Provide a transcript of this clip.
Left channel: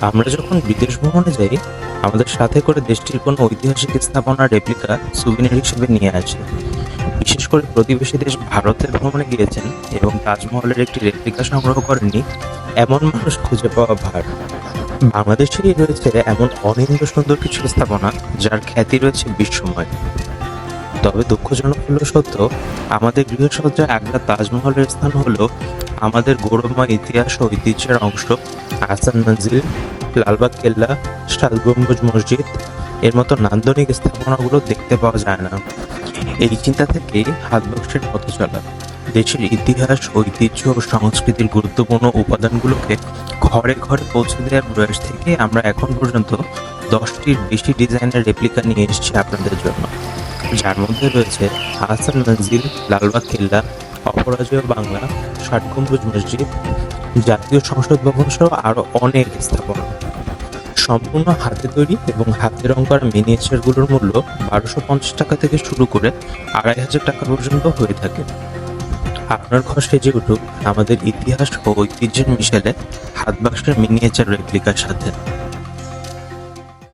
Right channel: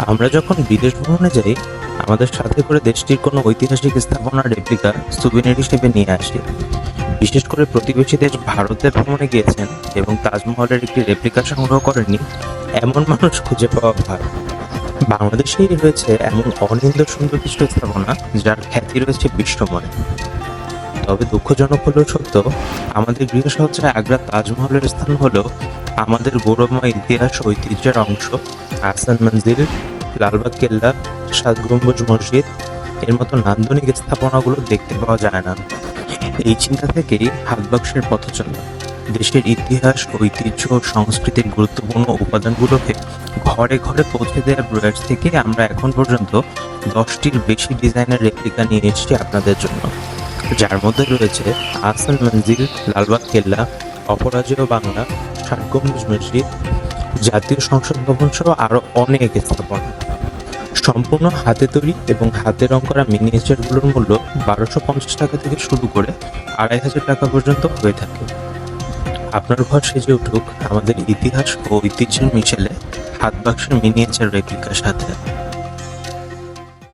আমরা যখন বিদেশ ভ্রমণে যাই, আমাদের সাথে করে দেশটির কোনো ঐতিহাসিক স্থাপনার রেপ্লিকা সুভিনির হিসেবে নিয়ে আসি। বিশেষ করে প্রতিবেশী দেশ ভারতে ভ্রমণে গিয়েছেন এবং তাজমহলের একটি রেপ্লিকা সংগ্রহ করেননি এমন মানুষ খুঁজে পাওয়া ভার। বাংলাদেশেই রয়েছে এমন অনিন্দ সুন্দর কিছু স্থাপনা যার খ্যাতি রয়েছে বিশ্বময়। তবে দুঃখজনক হলেও সত্য, আমাদের গৃহসজ্জায় আগ্রা তাজমহলের স্থান হলেও আমাদের গৌরবময় ইতিহাস ও ঐতিহ্যের অংশ আহসান মঞ্জিল, লালবাগ কেল্লা, সাত গম্বুজ মসজিদ এর মতো নান্দনিক স্থাপনাগুলো দেখতে পাওয়া যায় না। এই চিন্তা থেকেই হাতবাক্সের পথ চলা। দেশের ইতিহাস, ঐতিহ্য ও সংস্কৃতির গুরুত্বপূর্ণ উপাদানগুলোকে ঘরে ঘরে পৌঁছে দেওয়ার প্রয়াস থেকে আমরা এখন পর্যন্ত 10টির বেশি ডিজাইনের রেপ্লিকা নিয়ে এসেছি আপনাদের জন্য, যার মধ্যে রয়েছে আহসান মঞ্জিল, লালবাগ কেল্লা, অপরাজেয় বাংলা, ষাট গম্বুজ মসজিদ, জাতীয় সংসদ ভবন সহ আরও অনেক স্থাপনা। সম্পূর্ণ হাতে তৈরি এবং হাতে রং করা মিনিয়েচারগুলোর মূল্য 1250 টাকা থেকে শুরু করে 2500 টাকা পর্যন্ত হয়ে থাকে। আপনার ঘর সেজে উঠুক আমাদের ইতিহাস ও ঐতিহ্যের মিশেলে হাতবাক্সের মিনিয়েচার রেপ্লিকার সাথে।